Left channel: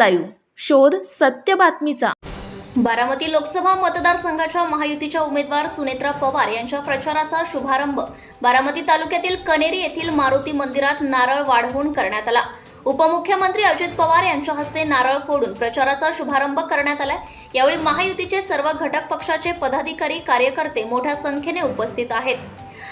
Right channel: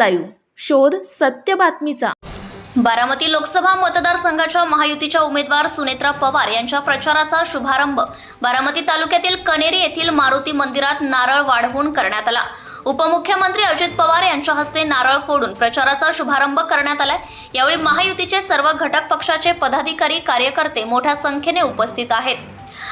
Live. शोध सत्य बातमीचा. बारामती लोकसभा मतदारसंघाच्या महायुतीच्या उमेदवार सुनेत्रा पवार यांच्या प्रचाराचा शुभारंभ. बारामती तालुक्यातील कनेरी येथील मारुती मंदिरात नारळ वाढवून करण्यात आला. उपमुख्यमंत्री अजित पवार यांच्या हस्ते नारळ फोडून प्रचाराचा शुभारंभ करण्यात आलाय. यावेळी महायुतीचे सर्व घटक पक्षाचे पदाधिकारी कार्यकर्ते मोठ्या संख्येने उपस्थित आहेत.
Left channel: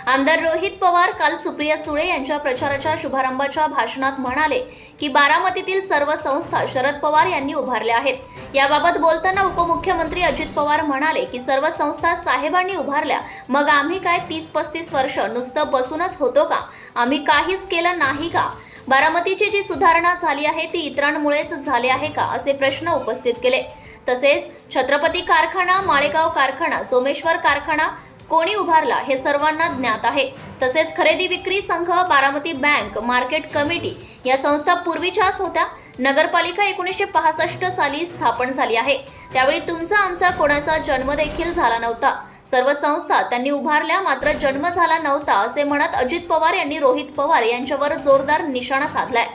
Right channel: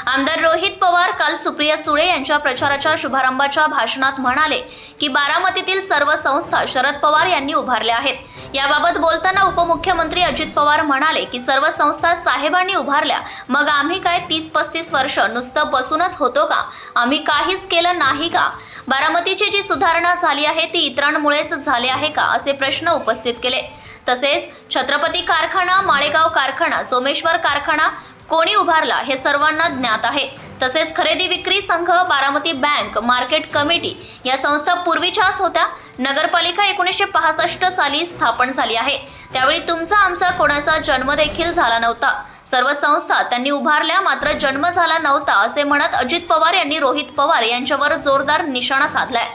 आमदार रोहित पवार काल सुप्रिया सुळे यांच्या प्रचाराच्या शुभारंभाच्या भाषणात म्हणाले की बारामतीतील सर्व संस्था शरद पवार यांनी उभारल्या आहेत. याबाबत बोलताना उपमुख्यमंत्री अजित पवार म्हणाले की सर्व संस्था साहेबांनी उभारल्या. मग आम्ही काय तीस पस्तीस वर्ष नुसतं बसूनच होतो का? आम्ही काहीच केलं नाही का? बारामतीची जी सुधारणा झाली आहे ती इतरांमुळेच झाली आहे का? असे प्रश्न उपस्थित केले. तसेच छत्रपती कारखाना माळेगाव कारखाना सोमेश्वर कारखाना कोणी उभारला हे सर्वांना ज्ञात आहे. तसेच खरेदी विक्री संघ बारामती बँक मार्केट कमिटी या संस्था पूर्वीच्याच होत्या. नगरपालिका एकोणीसशे पासष्ट साली स्थापन झाली आहे. त्यावेळी तुमचा आमचा कोणाचा जन्म देखील झाला नव्हता. सर्व संस्था त्यांनी उभारल्या मात्र जन्म झाला नव्हता असे म्हणत अजित पवार यांनी रोहित पवार यांच्यावर जोरदार निशाणा साधलाय.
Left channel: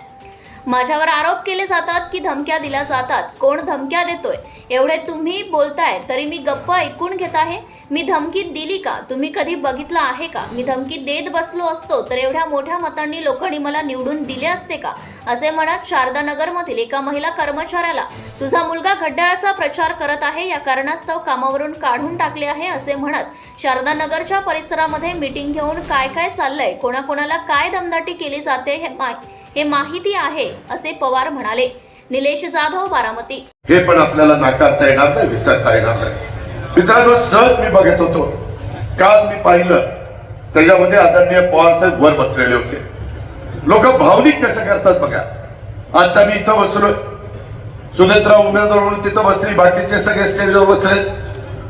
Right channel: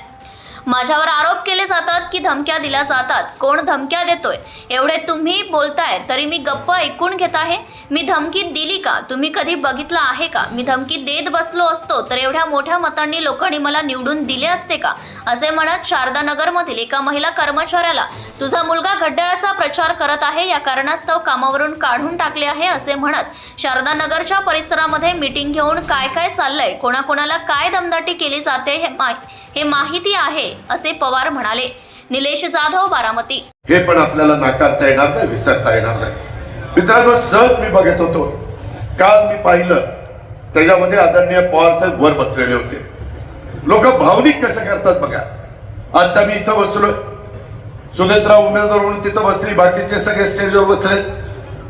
माझ्यावर आरोप केले जातात की धमक्या दिल्या जातात. कोण धमक्या देतोय? एवढे तुम्ही बोलताय तरी मी गप्प ऐकून घेत आहे. मी धमकी दिली का? तुम्ही कधी बघितलं आहे का? मी धमकी देत बसलो असतो तर एवढ्या मोठ्या मतांनी लोकांनी मला निवडून दिले असते का? असे म्हणत शारदानगरमधील एका महिला कर्मचाऱ्याला तुझा मुलगा घड्याळाचा प्रचार करत आहे या कारणास्तव कामावरून काढून टाकले आहे असे म्हणत शारदानगरच्या परिसरामध्ये मीटिंग घेऊन काय काय चाललंय? कोणाकोणाला काय दमदाटी केली जाते हे मा- हे माहिती आहे असे पवार म्हणाले. निलेश जाधव बारामती. हे पण आपल्याला नाकारता येणार नाही विसरता येणार नाही. मित्रांनो सहज मी बघत होतो काल मी पाहिलं त्याच्यामध्ये आदरणीय पवार साहेब वर बसलेले होते. लोक भावनिक कसं करतात बघा. आता मी इथं बसलोय. सुनेत्रा उमेदवार म्हणून तिथं बसली बाकीचे सगळे स्टेजवर बसले.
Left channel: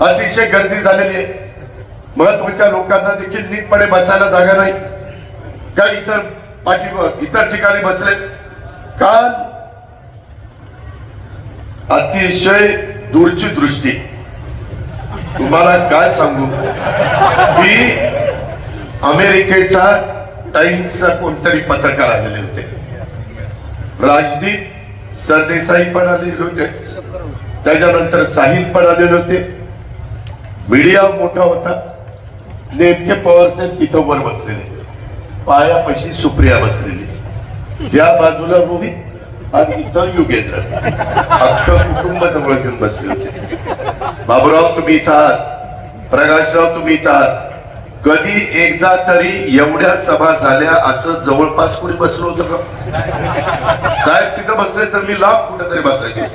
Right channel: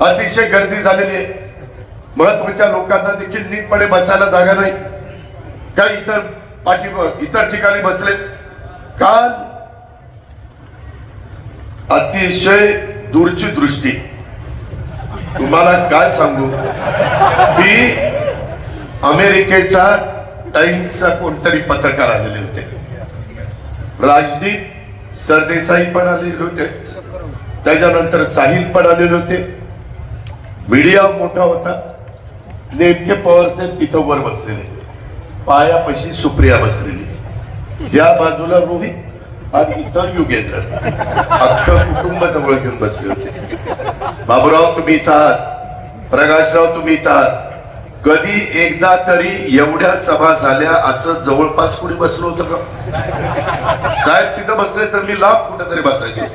अतिशय गर्दी झालेली आहे. महत्त्वाच्या लोकांना देखील नीटपणे बसायला जागा नाही. काही इतर बाकी इतर ठिकाणी बसले. काल अतिशय दूरची दृष्टी. तुम्हाला काय सांगू? की अमेरिकेचा टाइम्सचा कोणतरी पत्रकार आलेले होते. राजदीप सरदेसाई पण आलेले होते. त्याच्यानंतर साहिल पण आलेले होते. मीडिया मोठा होता. नेमके पवार साहेब तिथं वर बसलेले. पायापाशी सुप्रिया बसलेली. या बाजूला रोहित आणि इथं युगेश अख्खं कुटुंब जवळ घेऊन बसले बाबूराव तुम्ही इथं आहात प्रकाशराव तुम्ही इथं आहात कधी एकदा तरी एवढ्या सभा झाल्या असं जवळपास कुणी बसलो होतं का? साहेब तिथं बसले तर मी लांब कुठेतरी बसायचे.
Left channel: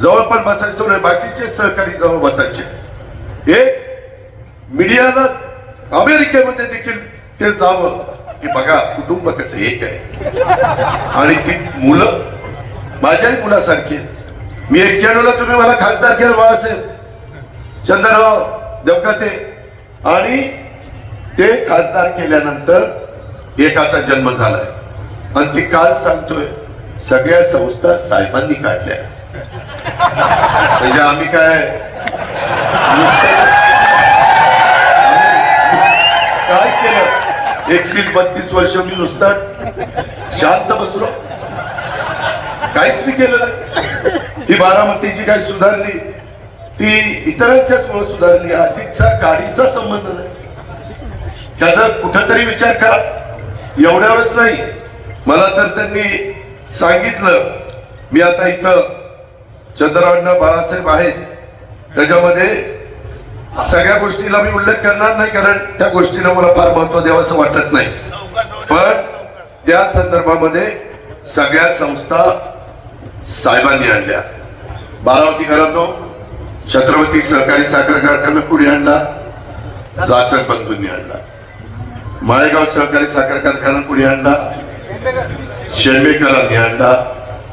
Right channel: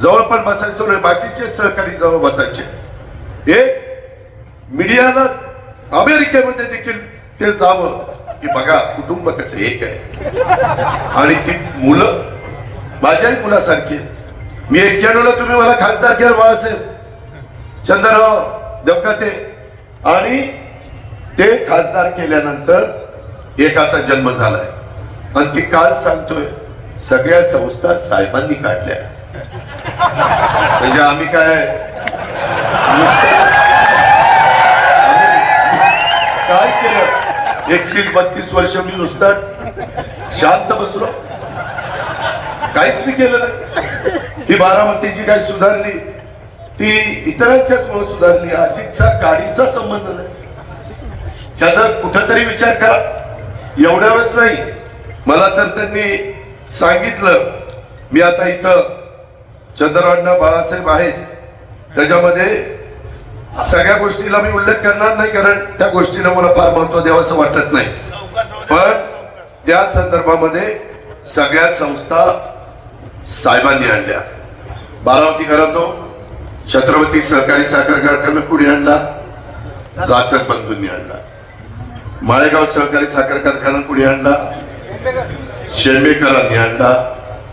जवळ पण बसायचो नाही बाकीचे सहकारी जवळ बसायचे. हे मीडियाला अमेरिकेमध्ये देखील ते जावं की बघा कुटुंब कसं एक आहे. आणि ती मुलं माझ्याही मुलासारखी मी एक्क्याण्णवला तुम्ही मला खासदार केलं बाळासाहेब. चंद्रराव देवकाते. आणि ते खासदार केल्यानंतर एकाचा जन्म झालाय. आणि ती काल सांगतोय सगळ्या संस्था साहेबांनी काढल्या त्याच्या म्हणजे आम्ही काय नुसतं- काय केलं? एकवीस बत्तीस वर्ष मी नुसतं शांत बसलो. काहीच मी केलं नाही. ही बारामतीची काही सुधारली ती इतरांच्याच मुळे सुधारली अजितचा गाडीचा संबंध नाही. त्याचा कुठंतरी विचार करा. एवढ्यावरच नाही. मला तर त्यांनी सांगितलं मी आता इथं चंद्रांना बाळासाहेब आहेत. त्याच्यामध्ये सगळ्या गोष्टीला मी उल्लेख करणार नाही कारण त्या गोष्टीला मला फार महत्त्व द्यावंसं वाटत नाही. पण त्या संदर्भामध्ये सगळ्या संस्था साहेबांनी आणल्या. बारावती बारामतीकरांनो छत्रपती सहकारी साखर कारखाना पुढे आणला जाचक बंधूंनी आणला. माळेगाव सहकारी साखर कारखाना पुढे आणला शेमेकरांनी आणला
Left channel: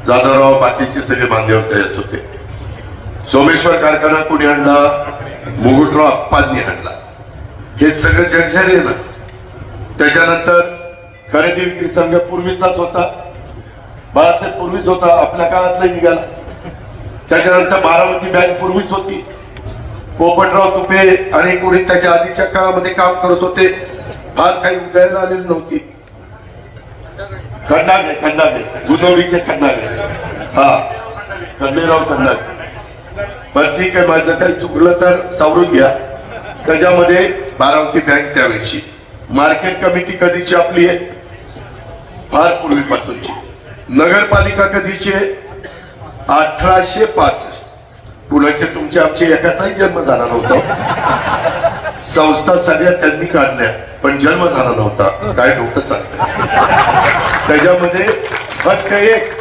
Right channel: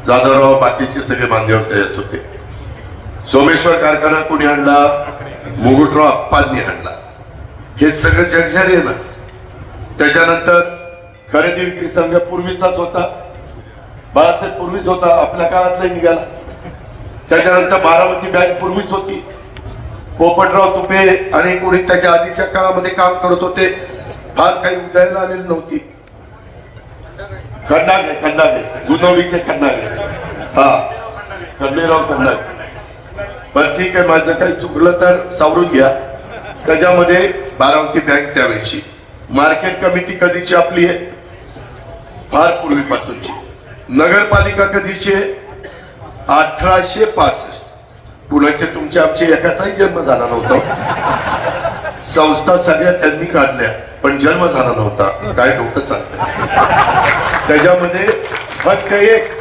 जाधवराव बाकीचे सगळे बांधव येत होते. सोमेश्वर कारखाना पुढे आणला मुगुटराव अप्पांनी आणला हे सगळं जगझारी आहे ना. त्याच्यानंतर खरेदी विक्री संघ पूर्वीचाच होता. बाळासाहेब पूर्वीच होता आपल्या काळात निघाला. त्याच्यानंतर बारामती बँक पूर्वीच होती. पोपटराव तुपे आणि कोणी त्याच्या आधीच्या काळामध्ये काम करत होते फार काही उदयाला आलेली नव्हती. खंडागे खंडागे गुदवडीचे खंडागे हा खंडेराव खंडागे पण ठीक आहे माझं काही चुकलं तर सावरून घ्या. त्याच्यामध्ये बारामती बँक त्यावेळेची मार्केट कमिटी कधीची आपली आहे? फार पूर्वीपासूनची. नगरपालिका कधीची आहे? अठराशे पासष्ट. पुण्याचे तुमचे आमचे एकाचाही जन्म झाला नव्हता. संस्था सगळ्या त्यांनी काढल्या पण जन्म झाला नव्हता. काय डोकं चालतं? त्याच्यामध्ये फक्त एक